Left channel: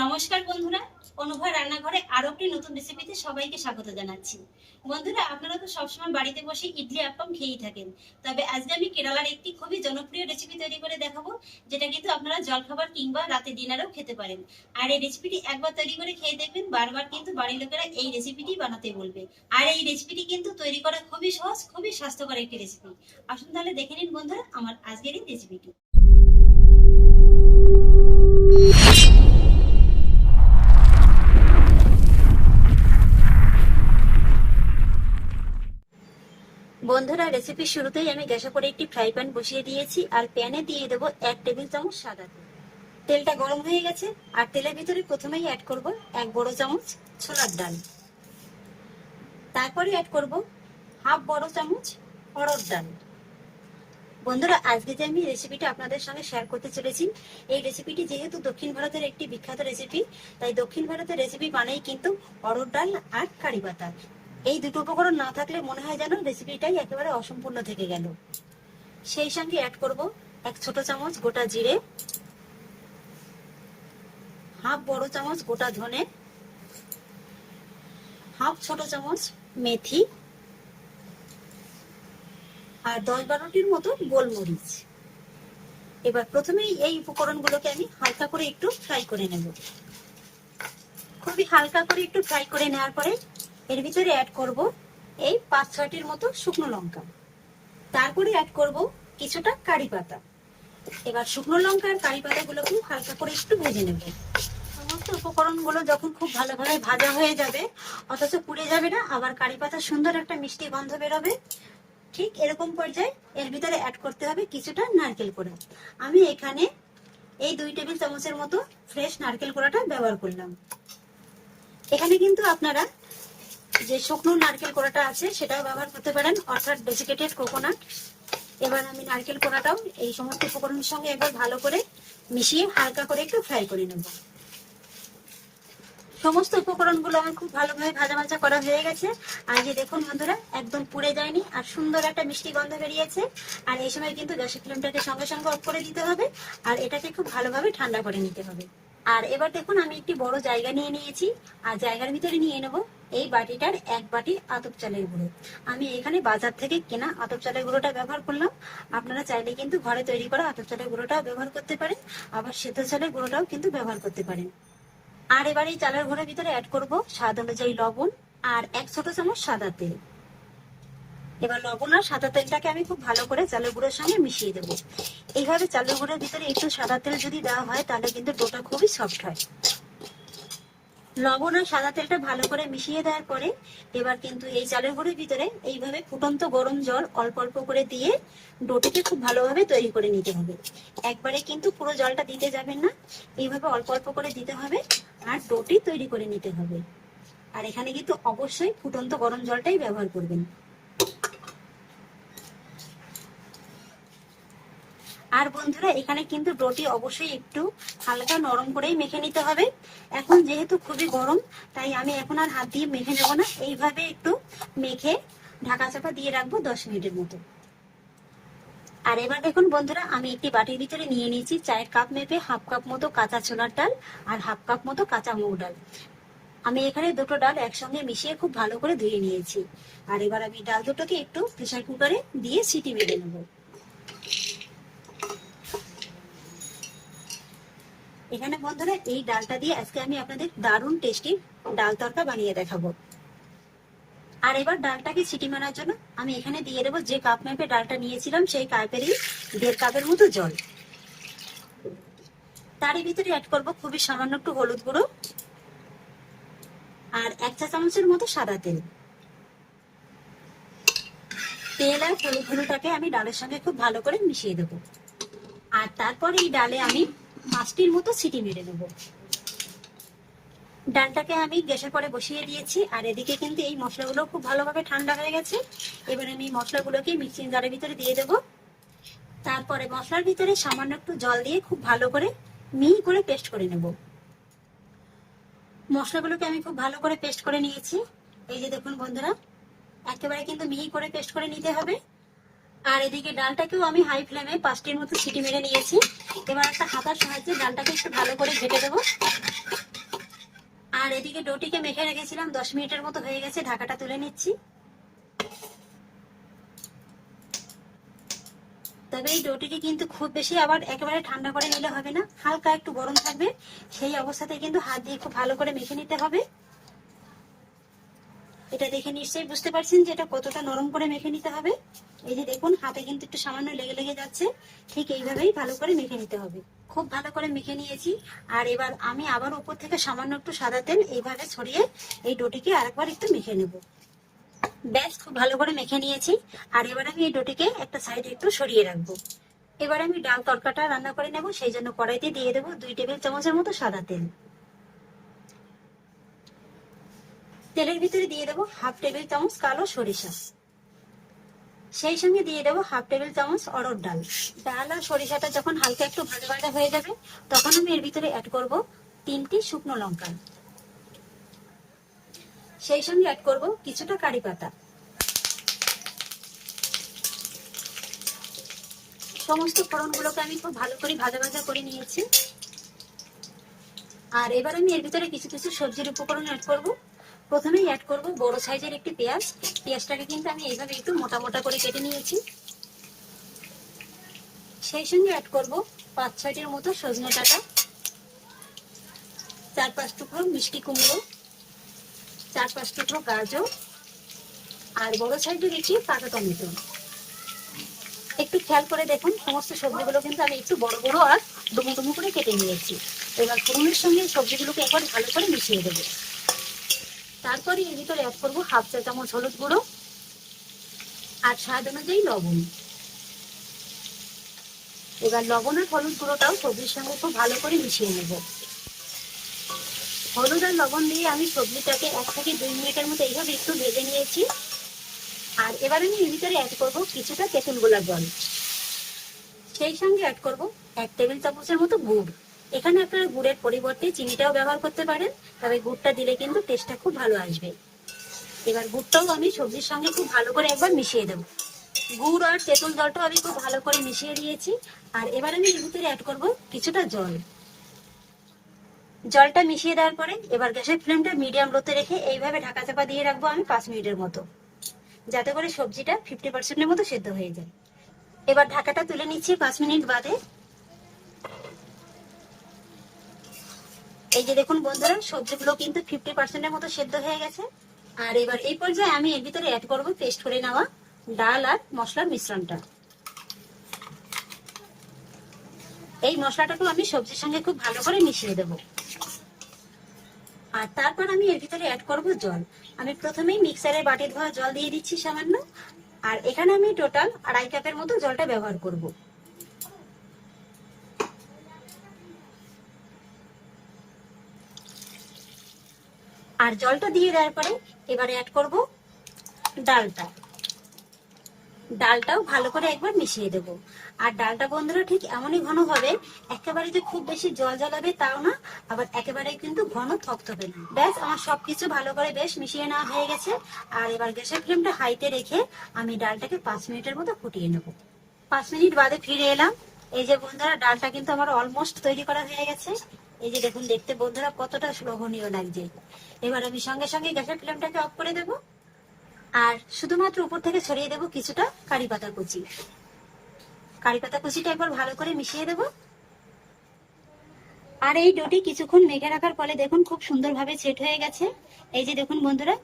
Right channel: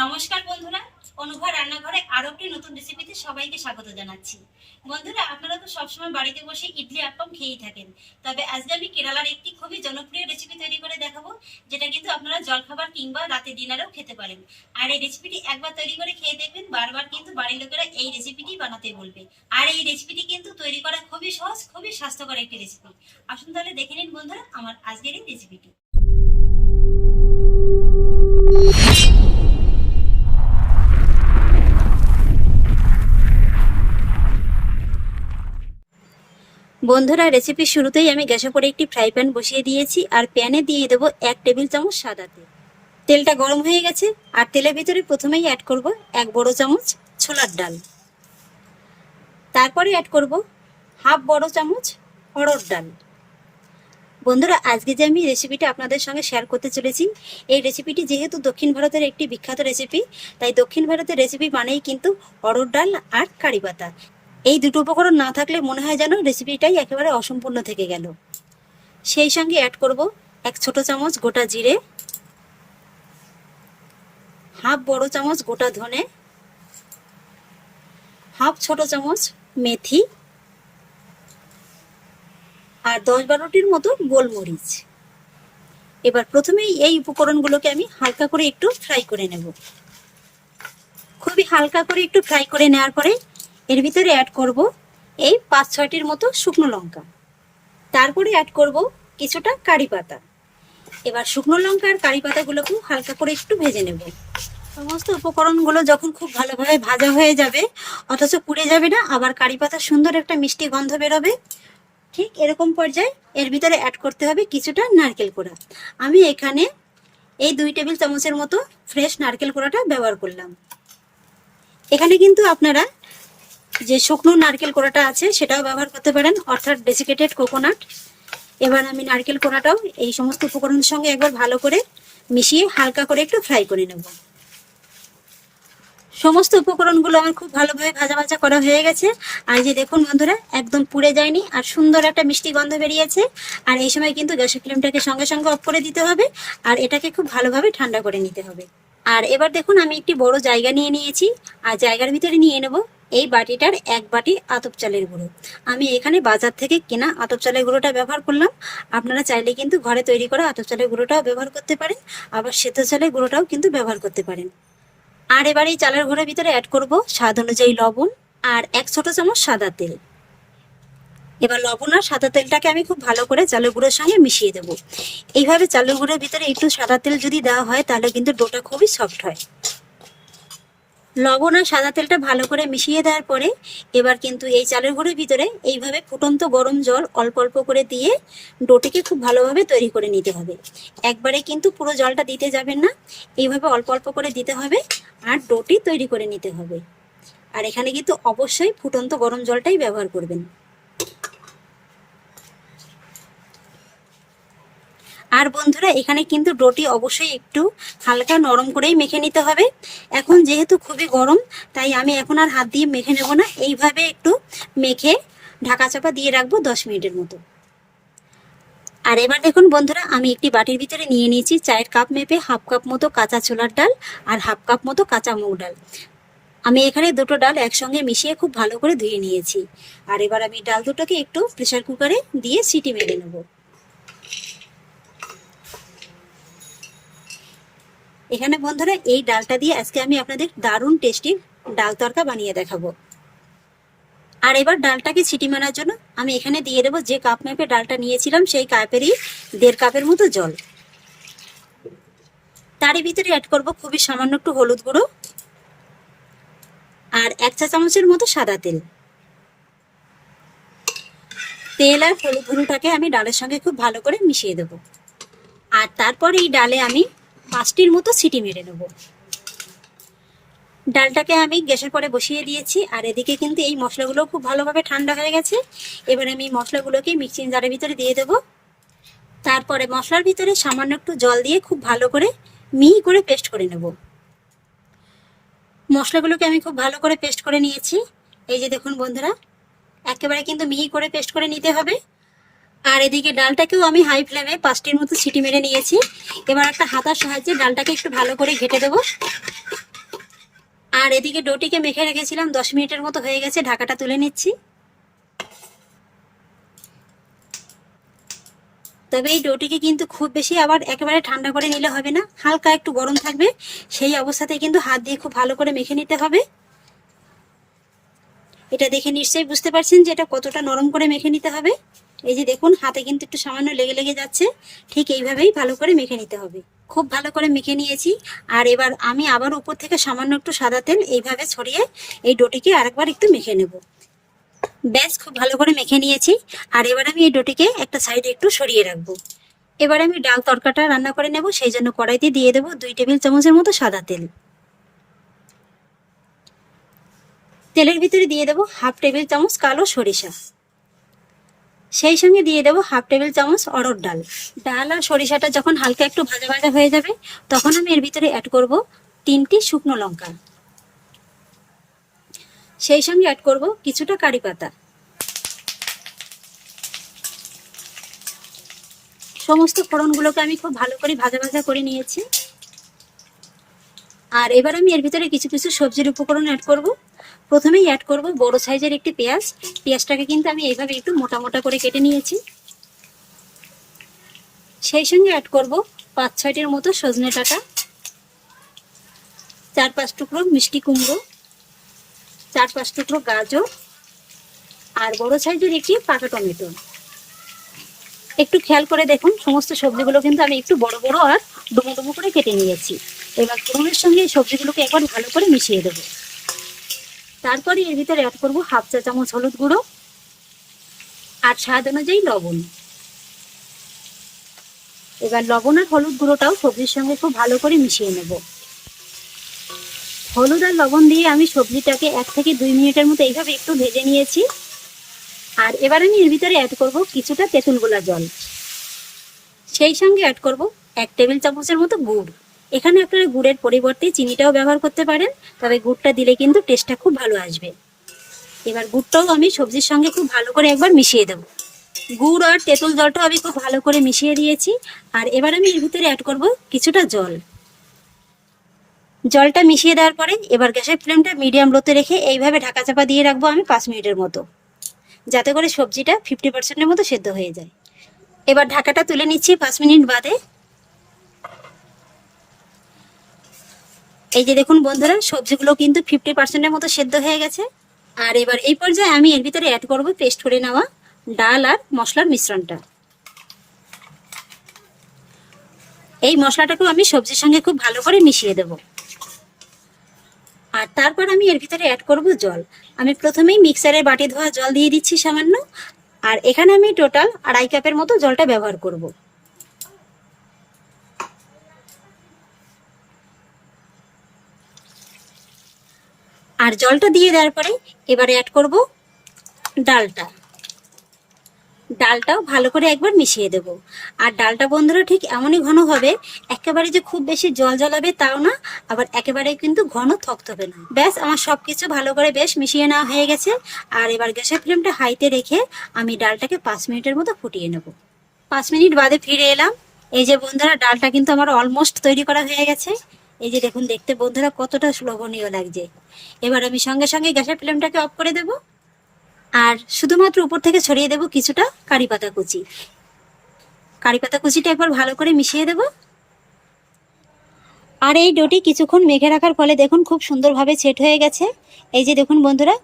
নমস্কার বন্ধুরা, অনুভা রান্নাঘরে আরও একটি নতুন রেসিপিতে সবাইকে স্বাগত জানাচ্ছি। বন্ধুরা, আপনারা তো সবসময় বাড়িতে বসে ইডলি আপ্পাম খেয়েই থাকেন। তবে আজকে আমি কেরালার একটি খুবই জনপ্রিয় রেসিপি তৈরি করে দেখাবো, যেটা কিন্তু আপনারা জলখাবার কিংবা রাতে ডিনারেও খেতে পারেন। আর এই রেসিপিটি একবার তৈরি করে খেয়ে দেখবেন, বারবার কিন্তু বাড়ির লোকেরা এই রেসিপিটি বানাতে বলবে। আর এই রেসিপিটি কিন্তু তৈরি করা খুবই সহজ, খুবই স্বাস্থ্যকর একটি রেসিপি আসুন তাহলে দেখে নিন বন্ধুরা, আমার আজকের এই রেসিপিটি বন্ধুরা রেসিপির শুরুতেই আমি গ্যাসে করে একটি ফ্রাই প্যান বসিয়ে দিয়েছি আর প্যানে দিয়ে দেবো এক টেবিল চামচ সাদা তেল। তেলটা গরম হয়ে গেছে আর তেলের ভিতরে প্রথমেই অ্যাড করব এক বড় চামচ ছোলার ডাল। তারপরে অ্যাড করব হাফ বড় চামচ অড়র ডাল। বন্ধুরা, আজকে যে আমি রেসিপিটা আপনাদের সঙ্গে শেয়ার করতে চলেছি, এই রেসিপিটি যেহেতু দক্ষিণ ভারতের একটি বিখ্যাত রেসিপি তাই দক্ষিণ ভারতের রেসিপি মানেই কিন্তু অড়র ডাল আর কারি পাতা। এই দুটো উপকরণ না থাকলে মনে হয় যেন রেসিপিটাই একেবারে অসম্পূর্ণ থেকে গেল। সেই সঙ্গে অ্যাড করব এক ছোট চামচ গোটা জিরে, হাফ বড় চামচ গোটা ধনে, হাফ ছোট চামচ মেথি আর দশ বারোটির মতো গোলমরিচ। এবার প্রথমেই এই উপকরণগুলোকে আমি হালকা করে একটু ফ্রাই করে নেব। খুবই হালকা করে একটু ফ্রাই করে নেওয়ার পরে এর ভিতরে অ্যাড করব এই পাঁচ, ছয়টির মতো শুকনো লঙ্কা। তারপরে অ্যাড করব কিছুটা কারি পাতা। এবার শুকনো লঙ্কা আর কারি পাতাগুলোকে হালকা করে একটু ভেজে নেব। সমস্ত উপকরণগুলো যখন খুব ভালোভাবে ভাজা হয়ে যাবে, অথচ পুড়ে যাবে না, আবার কারি পাতার সুন্দর একটা মিষ্টি গন্ধ বেরোবে, ঠিক এরকম পর্যায়ে এর ভিতরে অ্যাড করতে হবে কিছুটা নারকেল কোড়া। আমি এখানে এই দুই টেবিল চামচের মতো ফ্রেশ নারকেল কোড়াটা ব্যবহার করলাম। এখানে কিন্তু আপনারা যে শুকনো নারকেল কোড়াটা আছে, সেটাও ব্যবহার করতে পারেন। অর্থাৎ ডেসিকেটেড কোকোনাট এবার আমি নারকেল কোড়াটাও এই সমস্ত উপকরণের সঙ্গে একবার ভালো করে মিশিয়ে হালকা করে একটু ফ্রাই করে নেব। সমস্ত উপকরণগুলো আমার খুব ভালোভাবে ভাজা ভাজা করা হয়ে গেছে। আর যে দেখুন বন্ধুরা, একদম পুড়ে যায়নি আর সুন্দর একটা মিষ্টি গন্ধ বেরিয়েছে। আর এই সময় কিন্তু গ্যাসের ফ্লেমটাকে সঙ্গে সঙ্গে অফ করে দিতে হবে আর এটাকে খুব ভালোভাবে ঠান্ডা করে নিতে হবে। আর এবার দেখুন আমি একটি বড় জায়গা নিয়ে নিয়েছি। আর জায়গার ভিতরে নিয়ে নেব। এই বাটিটার এক বাটি আতপ চালের গুঁড়ো। আমি এখানে বাজার থেকে কেনা আতপ চালের গুঁড়োটা ব্যবহার করলাম। আপনারা চাইলে কিন্তু ঘরে তৈরি করা আতপ চালের গুঁড়োটাও ব্যবহার করতে পারেন, আবার সেদ্ধ চালের গুঁড়োটাও কিন্তু ব্যবহার করতে পারেন। আর এবার এই চালের গুঁড়োর ভিতরে অ্যাড করব স্বাদ অনুযায়ী লবণ আর এক ছোট চামচ সাদা তেল। এবার লবণ আর সাদা তেলটাকে আমি খুব ভালো করে চালের গুঁড়োর সঙ্গে মিশিয়ে দেবো। এইভাবে চালের গুঁড়োর ভিতরে একটু সাদা তেল যদি দেওয়া হয়, তাহলে কিন্তু ডোটা খুবই সফট হয়। লবণ আর সাদা তেলটা ভালো করে মিশিয়ে দেওয়ার পরে এবার কিন্তু এই চালের গুঁড়োর ভিতরে এইভাবে ফুটন্ত গরম জল অল্প অল্প করে দিয়ে ডোটিকে খুব ভালোভাবে তৈরি করে নিতে হবে। একবারে কিন্তু পুরো জলটা দিতে যাবেন না, এইভাবে অল্প অল্প করে দিতে হবে আর ডোটি তৈরি করে নিতে হবে। আর এখানে কিন্তু অবশ্যই ফুটন্ত গরম জলটাই ব্যবহার করবেন। আর বন্ধুরা, এখানে কিন্তু ডোটি অবশ্যই একটু হালকা নরম করেই মেখে নিতে হবে। এখন যেহেতু খুবই গরম, তাই আমি এখন আর হাত দিয়ে মেখে নেব না। এইভাবে একটু মেখে ঢাকা চাপা দিয়ে রাখব দশ মিনিটের মতো। আর এবার দেখুন বন্ধুরা, আমি একটি বাটির ভিতরে নিয়ে নিয়েছি চায়ের কাপ মেপে হাফ কাপ মতো কাঁচা ছোলার ডাল আর হাফ কাপ মতো কাঁচা মুগ ডাল। আমি এখানে দুটো ডাল একসঙ্গে মিশিয়ে খুব ভালো করে ধুয়ে নিয়েছি। আর এবার আমি ডাল দুটোকে একটু প্রেশার কুকারে দিয়ে সিটি মেরে নেব। এখানে বন্ধুরা, এই ডালটা দিয়ে আজকে আমি আপনাদের দারুণ টেস্টি ডাল তরকা বানিয়ে দেখাবো। আর এবার ডালটাকে ছিটি মারার জন্য আমি এখানে দিয়ে দেবো যে কাপ মেপে ডালটা নিয়েছিলাম, সেই কাপেরই দেড় কাপের মতো জল। তারই ভিতরে অ্যাড করব খুবই সামান্য একটু হলুদ গুঁড়ো আর এক চা চামচের মতো সাদা তেল। তেল আর হলুদ গুঁড়োটাকে আমি ডালের সঙ্গে খুব ভালো করে মিশিয়ে দেবো। আর তারপর এই ডালে আমি পাঁচটির মতো সিটি মেরে নেব ডালটাকে আমি গ্যাসের পরে বসিয়ে দিয়েছি, আর এদিকে কিন্তু এই মশলাগুলো খুব ভালোভাবে ঠান্ডা হয়ে গেছে। এবার আমি মশলাগুলোকে মিক্সিং জারের ভিতরে দিয়ে দেবো। তারপরে মশলার ভিতরে সামান্য একটু জল দিয়ে খুব ভালো করে মিহি করে পেস্ট করে নেব। মশলাগুলোকে আমি খুব ভালো করে পেস্ট করে নিয়েছি। এই যে দেখুন বন্ধুরা, একেবারে কিন্তু মিহি করে পেস্ট করে নিতে হবে। আর এদিকে ডালটাকেও আমি হাই ফ্লেমে পাঁচটির মতো সিটি মেরে নিয়েছি। এবার একটা হাতার সাহায্যে ডালটাকে একটু ভালো করে ঘেটে দেবো। আর এদিকে ডোটিকে মেখে রেখেছিলাম, দশ মিনিটের মতো হয়ে গেছে, ঢাকাটা তুলে নিচ্ছি। তবে এই ডোটিকে কিন্তু খুব বেশি আবার একেবারে ঠান্ডা করে নিলে হবে না, হালকা একটু গরম থাকবে, সেই অবস্থাতে কিন্তু হাত দিয়ে খুব ভালো করে মেখে নিতে হবে। এটা দেখে নিশ্চয়ই বুঝতে পারছেন যে এটা কতটা নরম করে মেখে নিতে হবে। এই যে দেখুন, হাতে কিন্তু একটু সামান্য লেগে লেগে যাচ্ছে। ঠিক এইভাবেই ভালো করে মেখে নিতে হবে। খুব ভালো করে মেখে নিয়েছি। আর এবার আমি আবার উপর থেকে সামান্য একটু সাদা তেল এইভাবে ছড়িয়ে এই ডোটিকে আরেকবার একটু মেখে নেব। ব্যাস, খুব ভালো করে মেখে নিয়েছি। আর এবার আমি এই ডোটিকে একটা সাইডে একটু সরিয়ে রাখব। এবার আমি ডাল তরকাটা রান্না করে নেব, সেই জন্য কড়াইতে দিয়ে দেবো দুই টেবিল চামচের মতো সাদা তেল। তেলের ভিতরে দিয়ে দেবো হাফ টেবিল চামচ কালো সরিষা। সেই সঙ্গে দিয়ে দেবো হাফ টেবিল চামচ অরড় ডাল। ডাল আর সরিষাটা যখন হালকা একটু ভাজা ভাজা হয়ে যাবে, তখন আমি এর ভিতরে অ্যাড করব তিনটি শুকনো লঙ্কা। সেই সঙ্গে অ্যাড করব কিছুটা কারি পাতা। সমস্ত ফোড়নগুলোকে আমি খুব ভালো করে ভাজা ভাজা করে নিয়েছি। আর এবার আমি এর ভিতরে কিছু কিছু সবজির উপকরণ অ্যাড করব। প্রথমেই অ্যাড করব বড় সাইজের একটি পেঁয়াজ। পেঁয়াজটাকে কিন্তু আমি এইভাবে একটু মোটা মোটা করে কেটে নিয়েছি। সেই সঙ্গে অ্যাড করব পাঁচ ছয়টির মতো সজনে ডাঁটা। চার পাঁচ টুকরো মিষ্টি কুমড়ো। চার পাঁচ টুকরো গাজর। আর বড় সাইজের একটি পাকা টমেটো। একটু খেয়াল করে দেখুন, সমস্ত সবজিগুলো কিন্তু আমি একটু বড় বড় আর ডুমো ডুমো করে কেটে নিয়েছি। এবার ফোড়নের সঙ্গে সবজিগুলোকে একবার ভালো করে মিশিয়ে দেবো। তারপরে এর ভিতরে অ্যাড করব হাফ চা চামচ হলুদ গুঁড়ো আর স্বাদ অনুযায়ী লবণ। এবার লবণ আর হলুদ গুঁড়োটাও সবজির সঙ্গে খুব ভালো করে মিশিয়ে নেব। হলুদ আর লবণ দিয়ে আমি সবজিটাকে এক থেকে দুই মিনিটের মতো এইভাবে একটু ভেজে নিয়েছি। আর এবার আমি এর ভিতরে অ্যাড করব কিছুটা তেঁতুল গোলা জল। সেই সঙ্গে অ্যাড করব এক টেবিল চামচের মতো গুড়। এখানে আপনারা গুড়ের পরিবর্তে চিনিটাও ব্যবহার করতে পারেন, তবে গুড়টা দিলে কিন্তু টেস্টটা খুব ভালো আসবে। এবার গুড়টাও আমি সবজির সঙ্গে খুব ভালো করে একবার মিশিয়ে দেবো। গুড় আর তেঁতুল জলটাও আমি খুব ভালো করে মিশিয়ে দিয়েছি, আর এবার আমি এর ভিতরে অ্যাড করব কিছুটা জল। জলটা মিশিয়ে দেওয়ার পরে এবার গ্যাসের ফ্লেমটা মিডিয়াম লোতে রেখে এইভাবে ঢাকা চাপা দিয়ে রাখব আমি পাঁচ মিনিটের মতো। যাতে করে সবজিটা ফিফটি পার্সেন্টের মতো সেদ্ধ হয়ে যায়। এবার ঢাকাটা তুলে নিচ্ছি পাঁচ মিনিট বাদে। এই যে দেখুন বন্ধুরা, সবজিগুলো কিন্তু ফিফটি পার্সেন্টের মতো সেদ্ধ হয়ে গেছে। আর এবার এই পর্যায়ে আমি এর ভিতরে অ্যাড করব পেস্ট করে নেওয়া ডাল আর মশলার মিশ্রণটা। এই মশলাটাকেও আমি সবজির সঙ্গে খুব ভালো করে মিশিয়ে দেব। আর তারপর আমি এর ভিতরে অ্যাড করব জল। আমি প্রথমেই মিক্সারের বাটি ধোয়া জল দিয়ে দিচ্ছি সামান্য। আর এখানে আমি টোটাল আড়াই কাপের মতো জলটা ব্যবহার করব। আর জলটা দিয়ে দেওয়ার পরে এবারে অ্যাড করব ডালটা। ডালটাও ভালো করে একবার মিশিয়ে দেব। আর ডালটা বন্ধুরা ঠিক এমনই ঘন হবে, একেবারে যে খুব বেশি জল জলাবে তাও না, আবার একেবারে কিন্তু ঘন থকথবে না। ব্যাস, আমার সব কিছু ভালো করে বেশ মিশিয়ে নেওয়া হয়ে গেছে। আর এবার গ্যাসের ফ্লেমটা হাইতে রেখে আমি ডালটাকে পাঁচ মিনিটের মতো ফুটিয়ে নেব। পাঁচ মিনিট বাদে ফিরে এলাম। এই যে বন্ধুরা, ডালটা কিন্তু আমার অলমোস্ট তৈরি করা হয়ে গেছে। এই যে দেখুন, দেখতে বন্ধুরা কতটা শ্লোভনীয় লাগছে। এবার আমি সঙ্গে সঙ্গে গ্যাসের ফ্লেমটাকে অফ করে দেব। আর শুধুমাত্র উপর থেকে ছড়িয়ে দেব কিছুটা কারি পাতা কুচি। কারি পাতা কুচিটা একবার ভালো করে মিশিয়ে দেব। আর এই ডোটি কিছুক্ষণ মেঘে রাখার ফলে দেখুন খুব সুন্দরভাবে সেট হয়ে গেছে। এই যে দেখুন বন্ধুরা,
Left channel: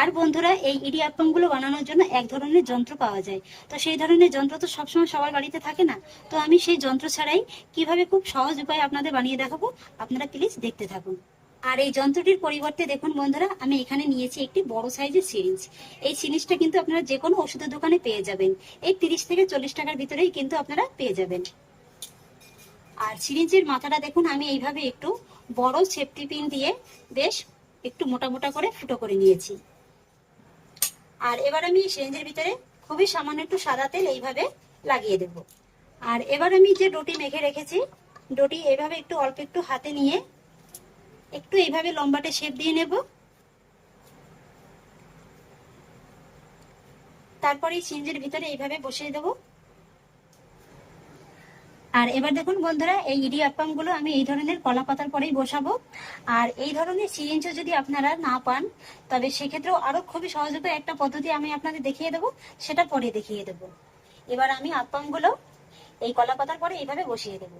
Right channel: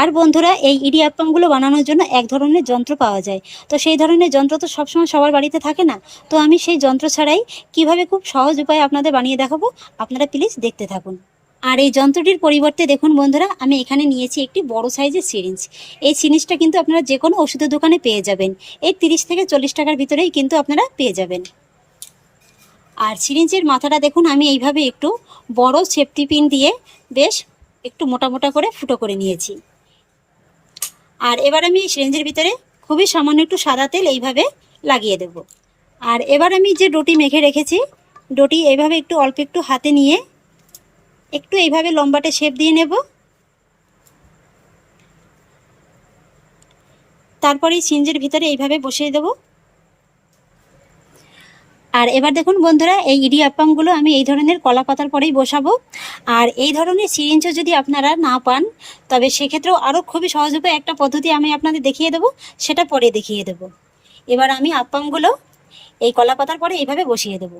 আর বন্ধুরা, এই ইডিয়াপ্পামগুলো বানানোর জন্য এক ধরনের যন্ত্র পাওয়া যায়। তো সেই ধরনের যন্ত্র তো সবসময় সবার বাড়িতে থাকে না। তো আমি সেই যন্ত্র ছাড়াই কীভাবে খুব সহজ উপায়ে আপনাদের বানিয়ে দেখাবো, আপনারা প্লিজ দেখতে থাকুন। আর এই যন্ত্রটির পরিবর্তে দেখুন বন্ধুরা, আমি এখানে নিয়েছি একটি বড় সাইজের সিরিঞ্জ। এই সিরিঞ্জটা কিন্তু আপনারা যে কোনো ওষুধের দোকানে পেয়ে যাবেন। এই তিরিশ থেকে চল্লিশ টাকার ভিতরেই কিন্তু আপনারা পেয়ে যাবেন। আর সিরিঞ্জের মাথাটা দেখুন, আমি এইভাবে একটু বড় সেফটি পিন দিয়ে বেশ একটু মোটা মোটা করে ফুটো করে নিয়েছি। আর এবার আমি সিরিঞ্জের ভিতরে খুবই সামান্য একটু সাদা তেল এইভাবে লাগিয়ে দেব। আর এবার আমি যে ডোটি মেখে রেখেছি, ডোটি এইভাবে একটু অল্প একটু হাতে নিয়ে একটু এইভাবে লম্বাটে শেপ দিয়ে নেব। তারপরে সিঞ্জের ভিতরে এইভাবে বসিয়ে দেবো। আর এবার দেখুন বন্ধুরা, এই ইডি ইডিয়াপ্পামগুলো আমি এই ধরনের কলা পাতার পরেই বসাবো। আর এই ধরনের সিরিঞ্জও যদি আপনারা না পান, তবে সেক্ষেত্রেও আরও খুবই সহজ উপায় একটা পদ্ধতি আমি আপনাদের দেখিয়ে দেবো, সেটা পরে দেখিয়ে দেবো। এবার আমি আপ্পামগুলো এই কলা পাতার পরে এইভাবে বসিয়ে দেবো।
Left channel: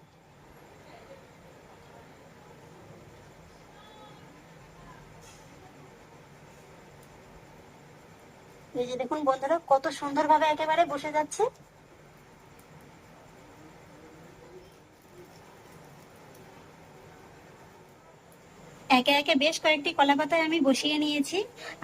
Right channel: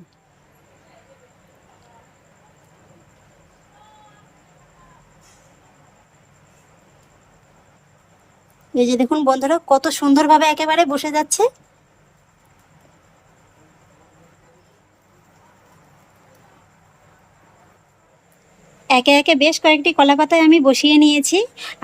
এই যে দেখুন বন্ধুরা, কত সুন্দরভাবে একেবারে বসে যাচ্ছে। একে একে বেশ কয়েকটি কলা পাতায় আমি বসিয়ে নিয়েছি।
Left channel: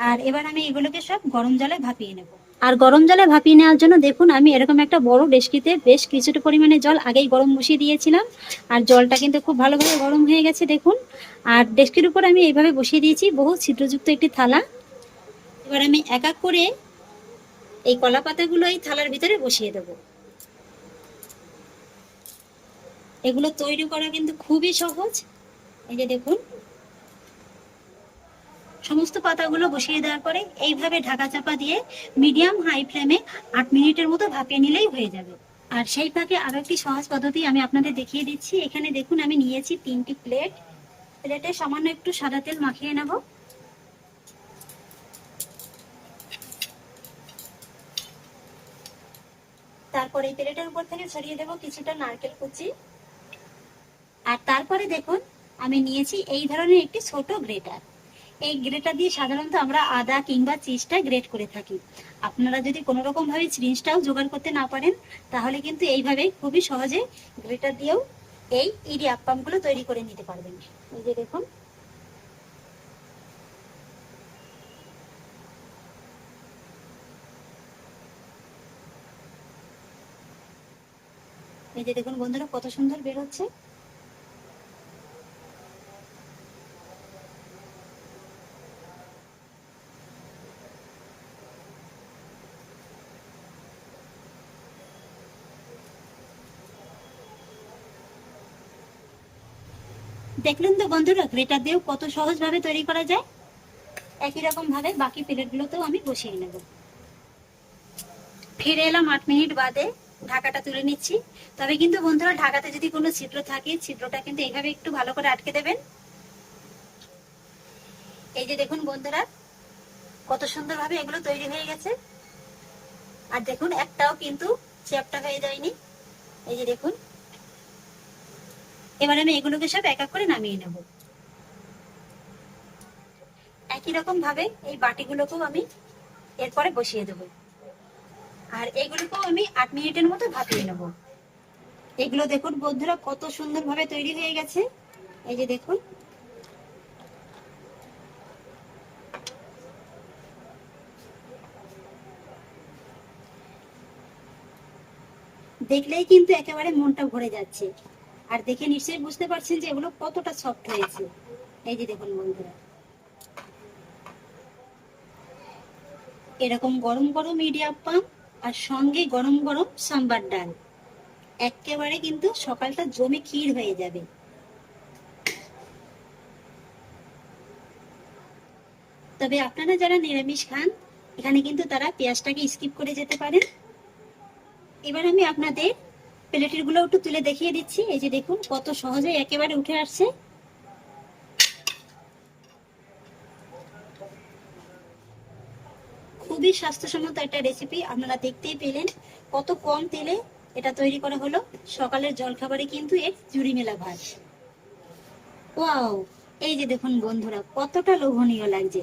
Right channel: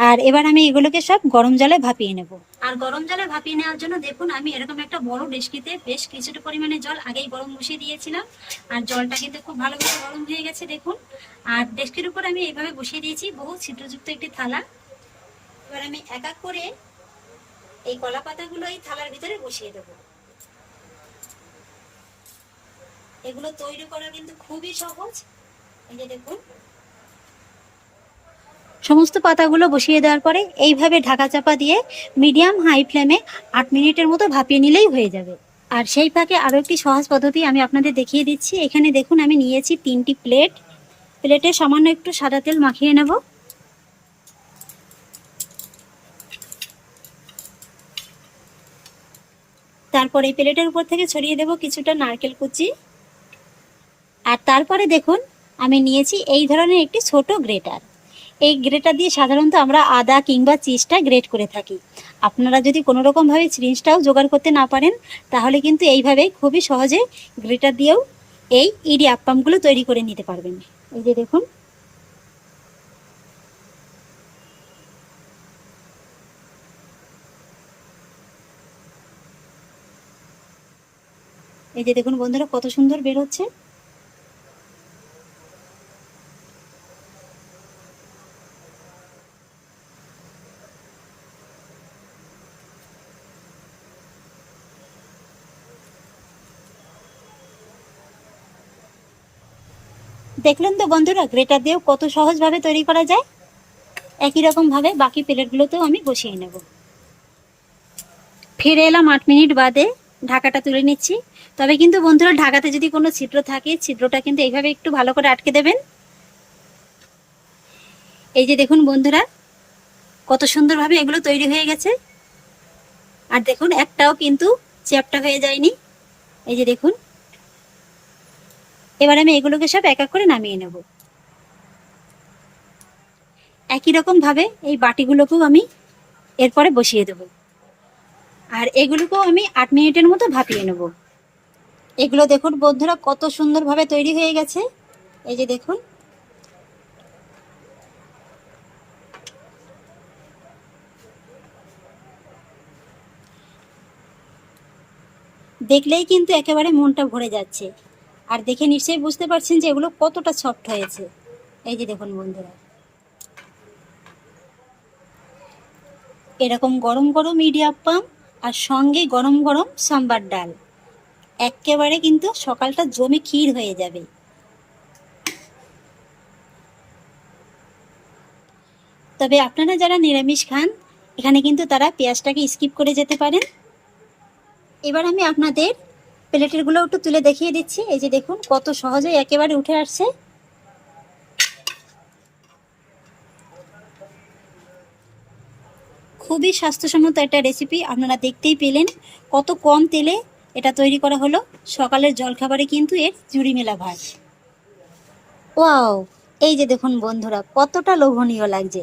আর এবার আমি এগুলোকে সব গরম জলে ভাপিয়ে নেব। আর গরম জলে ভাপিয়ে নেওয়ার জন্য দেখুন, আমি এরকম একটা বড় ডেস্কিতে বেশ কিছুটা পরিমাণে জল আগেই গরম বসিয়ে দিয়েছিলাম। আর জলটা কিন্তু খুব ভালোভাবে গরম হয়ে গেছে, দেখুন। আর ডেস্কির উপর আমি এইভাবে বসিয়ে দিয়েছি বহু ছিদ্রযুক্ত একটি থালা। এবার আমি এক এক করে এই কলা পাতাগুলো এই থালার ভিতরে বসিয়ে দেব। এগুলো তৈরি করা কিন্তু খুবই সহজ। এই যে দেখুন সমস্ত পাতাগুলো বসিয়ে দেওয়ার পরে এইভাবে ঢাকা চাপা দিয়ে মিডিয়াম হাই ফ্লেমে আট মিনিটের মতো ভাপিয়ে নিলেই হয়ে যাবে। আর সেই ফাঁকে আরও একটি সহজ পদ্ধতি আমি আপনাদের দেখিয়ে দিচ্ছি। এখানে দেখুন, আমি নিয়েছি তিনটি প্লেট। প্লেটে সামান্য একটু সাদা তেল মাখিয়ে নেব। তারপর এই প্লেটের উপর থেকে ছড়িয়ে দেব কিছুটা নারকেল কুচি। আর তারপরে দেখুন, আমি নিয়েছি এই ধরনের একটি ছোট গ্রেটার। এই গ্রেটার দিয়ে সাধারণত আমরা আদা কিংবা চিজটা গ্রেট করে থাকি। আপনারা যদি কোনো রকমভাবে চিজটাও জোগাড় করতে না পারেন, তাহলে কিন্তু এইভাবে খুবই সহজে গ্রেটার দিয়েও এই ইডি আপ্পামগুলো তৈরি করে নিতে পারবেন। এই যে দেখুন। এই যে দেখুন বন্ধুরা, কত সুন্দর বের হচ্ছে। দেখলেন তো বন্ধুরা, গ্রেটার দিয়েও কত সহজভাবে তৈরি করা যায়? একই রকম ভাবে বাকি প্লেটগুলোতেও আমি বসিয়ে নেব। ফিরে এলাম আট মিনিট বাদে, ঢাকাটা তুলে নিচ্ছি। তবে কিন্তু বন্ধুরা, ঢাকাতে যদি কোনো ছিদ্র থাকে, ছিদ্রটা কিন্তু এইভাবে একটু ভালো করে আটকে দেবেন। এই যে দেখুন বন্ধুরা, কত সুন্দরভাবে এগুলো তৈরি হয়ে গেছে। আর দেখুন, একটাও কিন্তু চ্যাপটা হয়ে যায়নি। এই যে দেখুন এবার আমি এগুলোকে সব এক এক করে নামিয়ে নেব। একই রকম ভাবে এই বাটিগুলোকেও আমি এরপরে বসিয়ে দেব। আর এগুলোকেও আমি আট মিনিটের মতো ভাপিয়ে নেব। এগুলো দেখুন বন্ধুরা কত সুন্দরভাবে তৈরি হয়ে গেছে। এই যে দেখুন। দেখলেই কিন্তু একেবারে মনটা ভরে যাচ্ছে। আর দেখে নিশ্চয়ই বুঝতে পারছেন যে এগুলো কতটা সফট হয়েছে। এই যে দেখুন বন্ধুরা। এরকম গরম গরম ইডিয়াপ্পাম আর সঙ্গে গরম গরম সাম্বার ডাল। একেবারে কিন্তু সকালটা জমে ক্ষীর হয়ে যাবে। তবে আপনারা যারা নিরামিষ খান, এখানে কিন্তু তারা পেঁয়াজটাকে স্কিপ করে যেতে পারেন। এবার আমি আপনাদের প্লেটেরগুলো একটু তুলে দেখিয়ে দিচ্ছি। এই যে দেখুন, কত সহজে একেবারে উঠে আসছে। খুবই স্বাস্থ্যসম্মত একটা রেসিপি আপনারা দেখতেই পেলেন। কত কম তেলে এটা তৈরি করা হলো। সকালের জলখাবারে কিন্তু এর জুড়ি মেলা ভাত। ওয়াও! এই যে দেখুন বন্ধুরা, কতটা লোভনীয় লাগছে।